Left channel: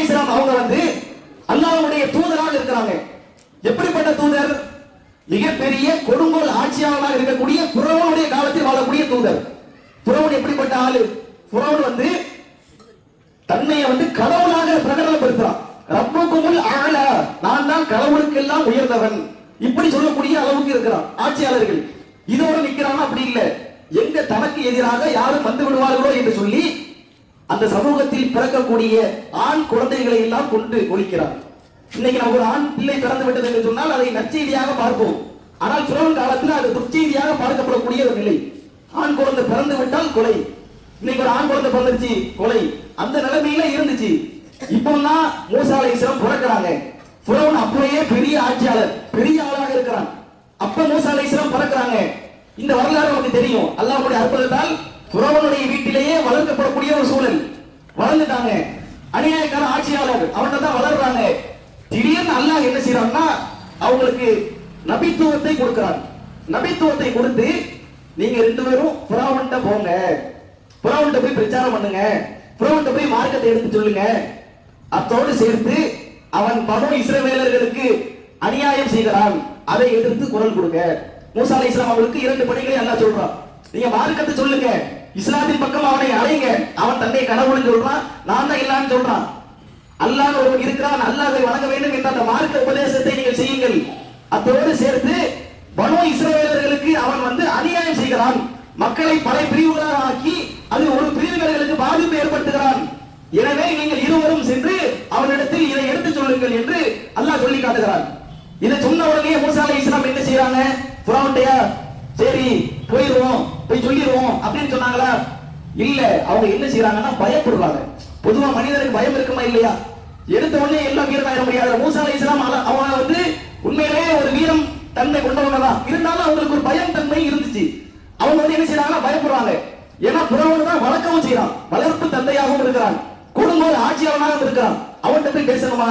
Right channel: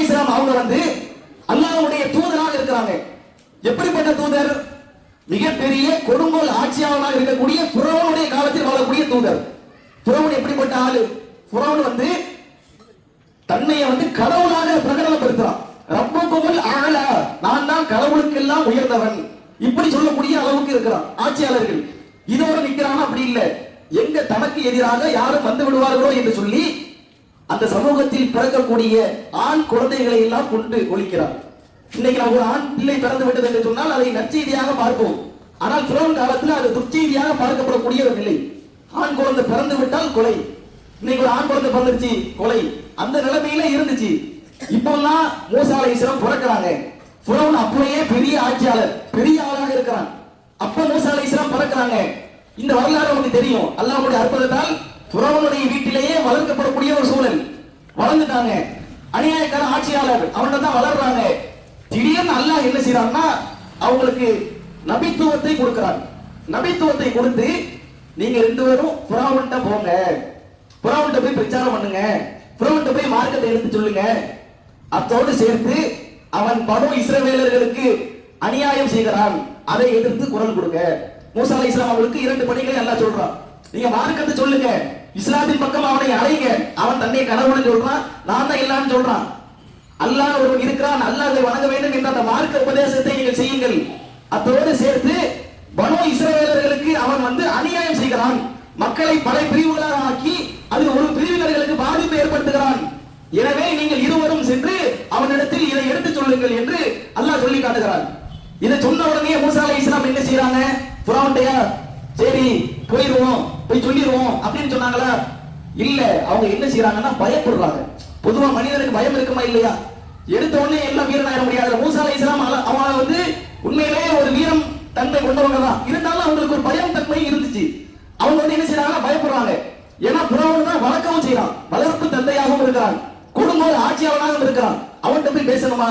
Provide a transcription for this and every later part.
இஸ்லாம் அவங்க வந்து அல்லாஹ்வுடைய தூதராக இருக்கிறாங்க. எப்படிப்பட்ட தூதர்? மிகப்பெரிய கொடுங்கோல் ஆட்சியாளராக இருக்கக்கூடிய புறவனுடைய காலத்தில் வாழக்கூடிய தூதர். புறவன் எப்படிப்பட்ட ஆளு? புறவன் வந்து தன்னைய வந்து கடவுளாக பிரகடனப்படுத்துறான். ரப்பகுமுல் ஆலா நான் தான் கடவுளுக்கெல்லாம் உயர்ந்தவன். இப்படி சொல்லக்கூடிய அளவுக்கு இருக்கிறான் ஆட்சியாளர்கள். இதோட நிக்கிறான்? அப்படி இல்ல. எங்க தனக்கு எதிராக யாரும் வந்து விடுவார்களோ என்று சொல்லி அந்த சமூகத்தில் பிறக்கக்கூடிய ஆண் குழந்தைகளை எல்லாம் கொண்டு ஒழிக்கிறார். இன்னைக்கு நான் ஒரு ஆண் பிள்ளை பிறந்து விட்டது என்று சொன்னால் அதை நற்செய்தியாக பார்ப்போம். ஆனால் புறம் காலத்தில் அது துர்ச்செய்தியாக பார்க்கப்படக்கூடிய ஒரு நிலை ஆண் குழந்தை பிறந்து விட்டால் கொலை. இன்னைக்கு ஒரு ஆண் குழந்தை பிறந்துருச்சு கொலை. அந்த நிலைமையில இருந்துச்சு. இப்பெல்லாம் மூசாலை சிறம் பிறக்கிறாங்க. புறவன் அப்படியே பெரிய ஆட்சியாளர் பெரிய ஆளாக இருக்கிறான். அப்ப மூசாலை சிறம் பிறக்கிறாங்க. இந்த வரலாறு நமக்கு தெரியும். அல்லாவுடைய அற்புதத்தால் புறவனுடைய வீட்டிலேயே வளர்க்கப்படக்கூடிய ஒரு சூழல். வளர்ந்துட்டாங்க. அநியாயக்கார ஆட்சியாளர். அவங்க தான் வளர்றாங்க. திடீர்னு அல்லாஹ் என்ன செய்யறான்னா அவங்களுக்கு நபித்துவத்தை கொடுக்கிறான். நபித்துவத்தை கொடுத்து நீங்க ரெண்டு பேரும் புறாவன்ட்ட போங்க. புறாவன்ட்ட போய் பிரச்சாரம் பண்ணுங்க. புறாவன்ட்ட போய் மார்க்கத்தை எடுத்து சொல்லுங்க. அத்தோடு சேர்த்து அவன் பனு இஸ்ரவேலர்களுக்கு அநியாயம் செய்கிறான். அதை எதிர்த்து குரல் கொடுங்க. மூசா அலை இஸ்லாம் அவர்களுக்கு இரண்டு பணிகளை நல்லா சொல்றான். நீங்க மார்க்கத்தை சொல்லுங்க. இஸ்லாத்தின் பக்கம் அவனை அடைங்க. அவன் தன்னை கடவுள்னு சொல்றான். நான் தான் இல்லான்னு சொல்றான். அல்லாஹ் ஒருவன் இருக்கிறான். அதை வணங்க வேண்டும் என்ற அந்த மார்க்க உபதேசத்தை நீங்கள் செய்யுங்கள். அத்தோடு சேர்த்து பனோ இஸ்ரேலர்களுக்கு அவன் வந்து அநியாயம் செய்கிறான். மக்களை பல பிரிவுகளாக ஆக்கி அது ஒரு பிரிவுகளுக்கு பாதிப்பு ஏற்படுத்துகிறான். எனவே நீங்கள் இருவரும் சென்று அவனிடத்தில் இதை எடுத்து சொல்லுங்கள் என்று அல்லாஹ் சொல்லி காட்டுகிறான். இதை சொன்ன உடனே மூசா இஸ்லாம் என்ன செய்யறாங்க புறாவுண்டையா சரி அப்படின்னு சொன்னாங்களா? இல்ல அவங்க என்ன செய்யறாங்கன்னா பயப்படுறாங்க. பொதுவா மனிதனுக்கு பயம் இருக்குமா இல்லையா? எடுத்த உடனே எல்லாம் வீரன் ஆயிட முடியாது. மூசா அலை இஸ்லாம் அவன் வந்து உண்மையிலேயே ஒரு வீரம் தன்மை கொண்டவங்க தான் இருந்தாலும் அவங்களுக்கு ஒரு பயம் தன்மை இருந்துச்சு. அவங்க வந்து என்ன செய்யறாங்க பயப்படுறாங்க. ஏன்னா புறவன் தான் வழக்கவும் செய்யறான் வளர்ப்பு தந்தையாகவும் இருக்கிறான். குடும்ப ஆட்சியாளனாகவும் இருக்கிறான். அவன்கிட்ட போய் பேசணுமா?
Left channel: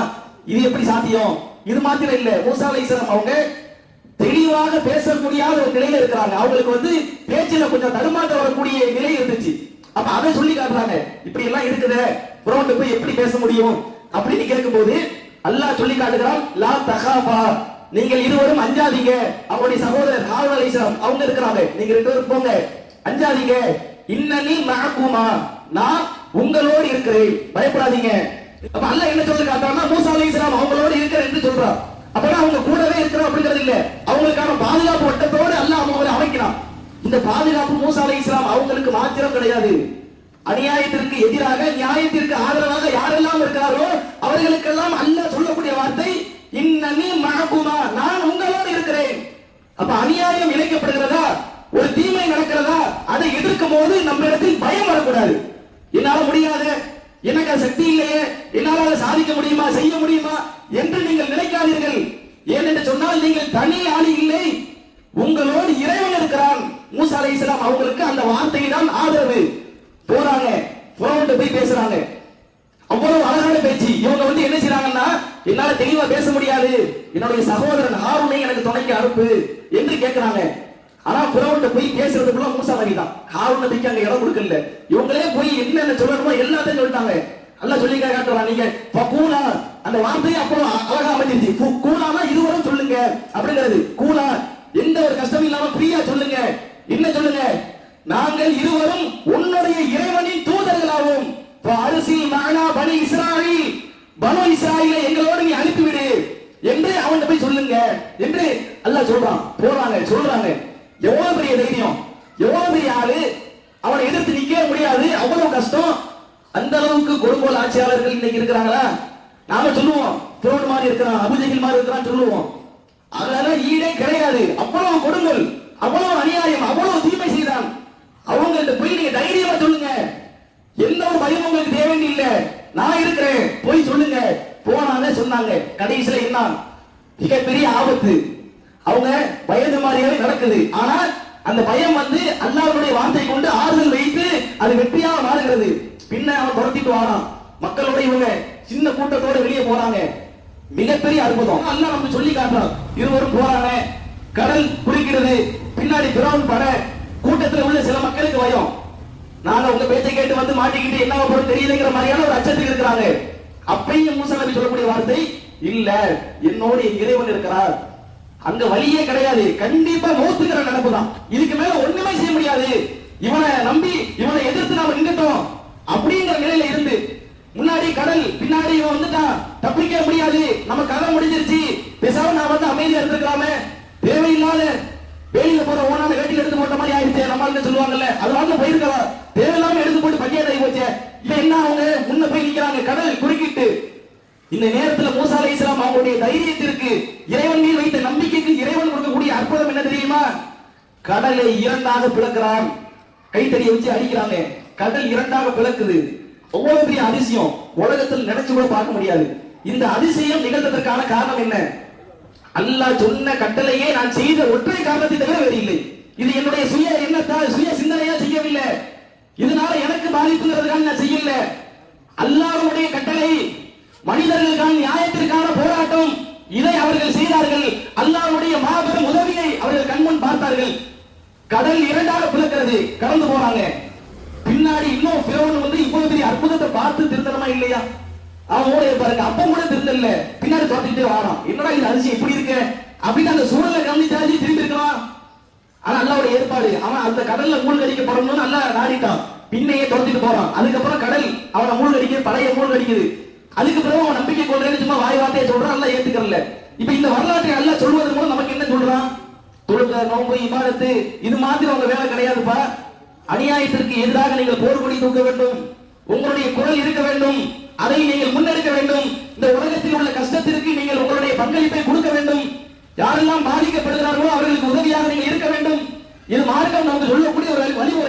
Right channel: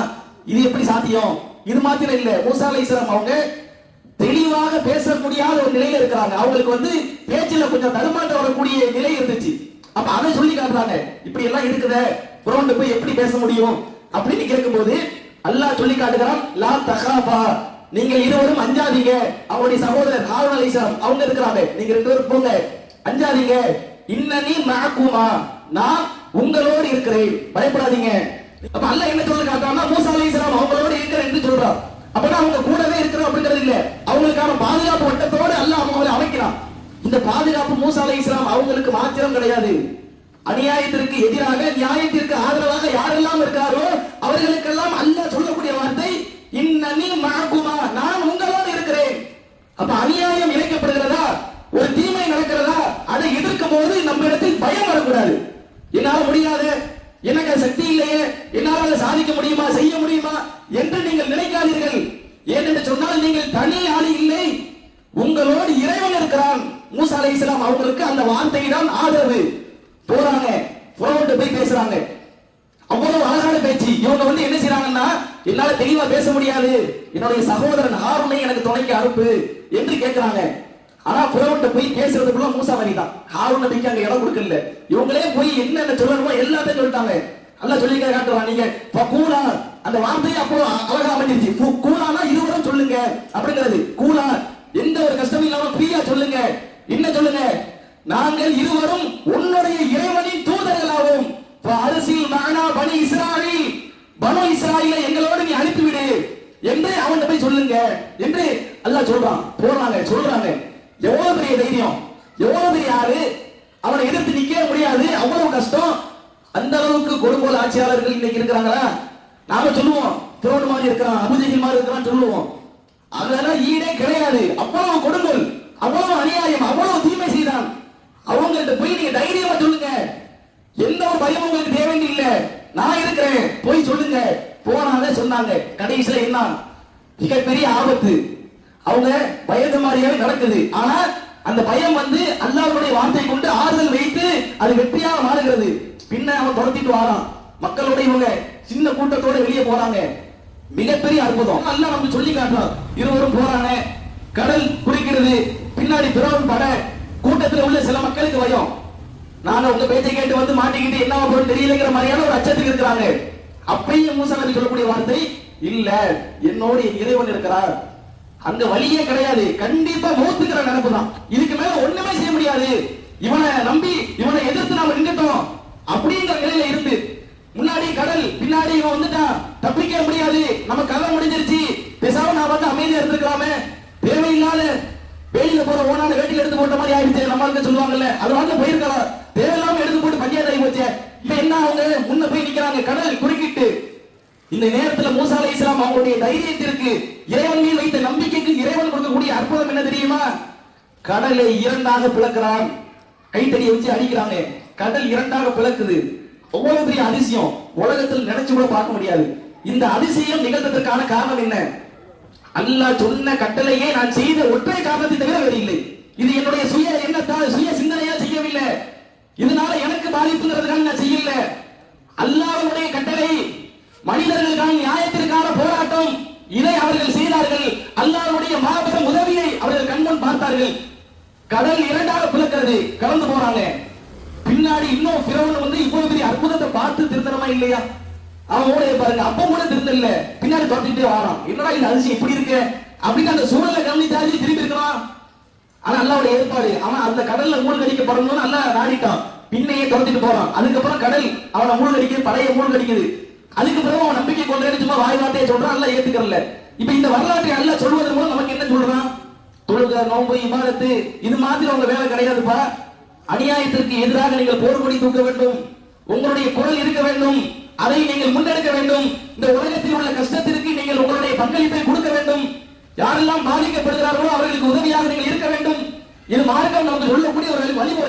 இது எப்படி சாத்தியம்? இது மாத்திரம் இல்ல. மூசா அலை இஸ்லாம் அவங்க தெளிவாக பேச முடியாத ஒரு நிலையில இருக்கிறாங்க. அவங்களுக்கு வந்து பேச்சுல கொஞ்சம் தடுமாற்றம் வரக்கூடிய நிலை இருந்துச்சு. அப்ப அதை சொல்லி காட்டுறாங்க. இப்படி எல்லாம் இருக்குதே புறவன்ட்ட போய் எப்படி பேச முடியும்? அப்படின்னு கேட்கும்போது அல்லாஹ் சொல்லி காட்டுகிறான் லா தகாபா. நீங்கள் இருவரும் அஞ்சாதீங்க. அவருடைய சகோதரர் ஹாரூன் அலைஹிஸ்ஸலாம் அவங்க இருக்கிறாங்க. நீங்க ரெண்டு பேரும் போங்க. அஞ்சாதீங்க. இன்னனி நாக்குமா நான் உங்களோடு இருக்கிறேன். பயப்படாதீங்க. அப்ப அல்லாஹ் என்ன சொல்லி காட்டுறாங்கன்னா மூசா அலைஹிஸ்ஸலாம் அவங்களோடு இருக்கிறேன் என்று சொல்றான். அப்பனா அவங்க கூடவே இருக்கிறோம் அப்படிங்கிறது இல்லை. அவங்களுக்கான பாதுகாப்பு வட்டத்தோடு அல்லாஹ் அவங்களை அமைக்கிறான். இந்த பாதுகாப்பு மூசா இஸ்லாம் அவங்களுக்கு மாத்திரம் கிடையாது. அநியாயத்திற்கு எதிராக நியாயத்திற்கு ஆதரவாக யாரெல்லாம் இருக்காரோ அவர்களுக்கெல்லாம் அல்ல சொல்லக்கூடிய வார்த்தை இன்னனி மஅகுமா நான் உங்களோடு இருக்கிறேன். அப்ப அநியாயம் இணைக்கப்படுகிறதா ஒரு தீமை நடக்கிறதா? அதை எதிர்க்கும் போது நம்ம இடத்தில் பயம் வரக்கூடாது. என்னால முடியாது. எனக்கு சக்தி இல்லையே. என்னால சாதிக்க முடியுமா? செய்ய முடியுமா? என்று நீங்கள் நினைக்காதீர்கள். ஏனென்று சொன்னால் நீங்கள் தனி ஆளி இல்லை. உங்களோடு இறைவன் இருக்கிறான். மூசா அலைஹிஸ்ஸலாம் அவங்களுக்கு அந்த வார்த்தை தான் ஆதரவு. போறாங்க. போன்ட்டு போய் பேசுறாங்க. அவ்வளவு அழகான பேச்சு. இவங்க வந்து என்ன செய்றாங்கன்னா என்னால தெளிவா பேச முடியாது. என்னுடைய சகோதரன் ஹாரூனை எனக்கு துணைக்கு அனுப்பு என்று கேட்கிறாங்க ஆனா புறவன்ட்ட போய் பேசுறதுக்குள்ள மூசா நபி தான். ஹாரூன் அங்க இடம் கொடுக்கல. இவங்களே போய் என்னென்ன சொல்லணுமோ எல்லாத்தையும் சொல்லிட்டாங்க. அல்லாஹ் சொல்லி காட்டுறான் நீங்க. கூலா அந்த வார்த்தையை அப்போ அழகா அமைஞ்சிருச்சு கூலானா இருவரும் சொல்லுங்க. அப்படிங்கிறது. கூலா எந்த ஒரு கஷ்டமும் இல்லாம ஃப்ரீயா சொல்லுங்க. என்ன சொல்லுங்க? நாங்கள் இருவரும் உன்னுடைய இறைவனின் தூதர்களாகும் அரசியல் மகனா பனி இஸ்ராயில் பனு இஸ்ராயில எங்களோடு நீ அனுப்பிவிடு. என்று அவன் போய் சொல்லுங்க. என்று அல்லாஹ் சொல்றான். போறாங்க சொல்றாங்க எவ்வளவு பெரிய தைரியம் எவ்வளவு பெரிய ஆளு அவனை எதிர்த்து நிக்க முடியாது அவ்வளவு கஷ்டம் அந்த அளவுக்கு கொடுங்கோல் ஆட்சியாளர்கள் இன்னைக்கு இருக்கிறாங்களா? நாம சொல்லுவோம். திருவன் மாதிரி இருக்கிறான் அபுஜகில் மாதிரி இருக்கிறான் சொல்லுவோம். அதனால ஈடே கிடையாது. அவ்வளவு கொடுங்கல் அவ்வளவு அநியாயம் அவ்வளவு தீமை செய்தான். அவங்கள்ட்ட போய் நீங்க தைரியமா சொல்லுங்க. எந்த ஒரு பயம் உங்களுக்கு தேவை இல்ல நான் இருக்கிறேன். போய் சொல்லுங்க. போனாலே சொன்னாங்க. கடைசியில என்ன? மிகப்பெரிய ஆபத்து. அவங்க பயந்த மாதிரியே நடக்குது. ஆனா அந்த பயம் வந்து அல்லாவுடைய வார்த்தை கொண்டு ஆறுதல் வைத்து அது வெற்றியாக மாறுகிறது. பின்ன அவன் துரத்திட்டு வரான். மக்களோட இவங்க சின்ன கூட்டத்தோட வெளியே போறாங்க. மிகப்பெரிய அற்புதம். அல்லாஹ் வந்து சொல்லி காட்டுறான் இருவரும் போறாங்க. கடல் குடிக்கிறது. பின்னாடி பிறவன் பட. கூட்டத்துல உள்ள சில மக்களுக்கு பயம். நாங்க உங்க பேச்சை கேட்டு வந்து மாட்டிக்கிட்டு என்ன பொருள் தெரியலங்கிற மாதிரியான ஒரு அச்சத்துக்கு இருக்கிறாங்க. அப்பையும் மூசா நபி சொல்லக்கூடிய வார்த்தை இல்ல என்னோடு என் இறைவன் இருக்கிறார். அங்க வழியே கிடையாது. கண்டிப்பா மௌத்துங்கிற நினைப்பு தான் இதுக்கு மேல ஒண்ணுமே செய்ய முடியாது. இவனை நம்பி இவனை எதிர்த்து நாம நின்றுட்டோம் அப்படிங்கிற நிலையில இருந்து முன்னாடி கடல் பின்னாடி இவன் வந்துட்டான் தப்பிக்க முடியாது நம்ம கதை முடிஞ்சிருச்சு பேசாம நான் வந்து அமைதியா இருந்திருக்கலாமே தேவையில்லாத வெயில போற ஓனான வேட்டில எடுத்து போட்ட மாதிரி ஆயிடுச்சு நம்மளுக்கு சொல்லுவாங்கல்ல அது வந்து போயிருக்கலாம் தேவையில்லாம எடுத்து போட்டு பையன் போச்சு இப்ப என்ன அவங்க முன்ன போய் நிக்கிறாங்க கடல் குறுக்கிட்டு இந்த நேரத்துல மூசா அலி இஸ்லாம் அவங்களுடைய தைரியத்திற்கு இறைவன் மீது வைத்த நம்பிக்கைக்கு இறைவன் கொடுக்கக்கூடிய அற்புதம் என்ன தெரியுமா? கடலை இரண்டாக பிளக்கிறான். கைத்தறி வச்சு அடிக்கிறாங்க. கடல் இரண்டாக பிளக்குது. அவ்வளவு பெரிய அதிசயம். உலகத்தில் நினைச்சு கூட பார்க்க முடியாது. இந்த அதிசயம் நிகழ்ந்ததற்கான காரணம் என்ன? அல்லாஹ் சொன்ன கட்டளையே நான் செய்த ஒற்றை காரணத்தை தவிர வேறு இல்லை. இது என்னுடைய சுய எண்ணத்தால் சுய சிந்தனையா செய்யவில்லை. இதனால எனக்கு பாதிப்புங்கிறதுக்காக நான் இதை அவர்கள் செய்தார்கள். அல்லாவுடைய மாபெரும் உதவியை அவர்கள் கண்முன் பார்த்தார்கள். கடல் இரண்டாக பிளக்கிறது. கடந்து போறாங்க. பின்னாடி இன்னும் பிறவன் வந்து இவ்வளவு பெரிய அற்புதத்தை பார்த்து திருத்தணுமா இல்லையா? அவன் கூட பாருங்க. அப்ப கூட திருத்தல. பின்னாடி தோட்டிட்டு வாரான். என்னடா இந்த அரிசி எப்படி இருக்கு? அப்படின்னு அந்த சூழலை கவனிச்சாச்சு திரும்பி இருக்கலாம் ஆனா அல்லாவுடைய ஏற்பாடு. அவன் அந்த கடல்ல மூழ்கடிக்கப்படணும்னு நல்லா நாடிட்டான். பின்னையே துரத்திட்டு போறான். அதுக்கப்புறம் கடல் அவனை மூழ்கடிக்குது பழைய மூழ்கடிக்குது. அதுக்கு பிறகு அவன் நம்பிக்கை கொண்டு சும்மா வாய் வார்த்தையை சொல்றான் அல்ல ஏத்துக்கல இப்ப இந்த வரலாற்றை அல்ல சொல்வதன் மூலம் நமக்கு என்ன சொல்றான்? தொழுக நோம்பு இமாதத்து இது மாதிரி அவங்க வேலை கிடையாதுப்பா. அநியாயத்திற்கு எதிராக நீங்கள் போர்க்கொடி தூக்க வேண்டும். உங்களுடைய குரல் இருக்க வேண்டும். அதை நீங்கள் முன்னெடுக்க வேண்டும். இந்த உலகத்தில் உள்ள கஷ்டத்திற்கு நீங்கள் உங்களுடைய பங்களிப்பை கொடுக்க வேண்டும். யாரெல்லாம் பாதிக்கப்படுகிறார்களோ அவர்களுக்கு உதவியாக நீங்கள் இருக்க வேண்டும். இது மார்க்கம் நமக்கு சொல்லக்கூடிய ஒரு வழிமுறை.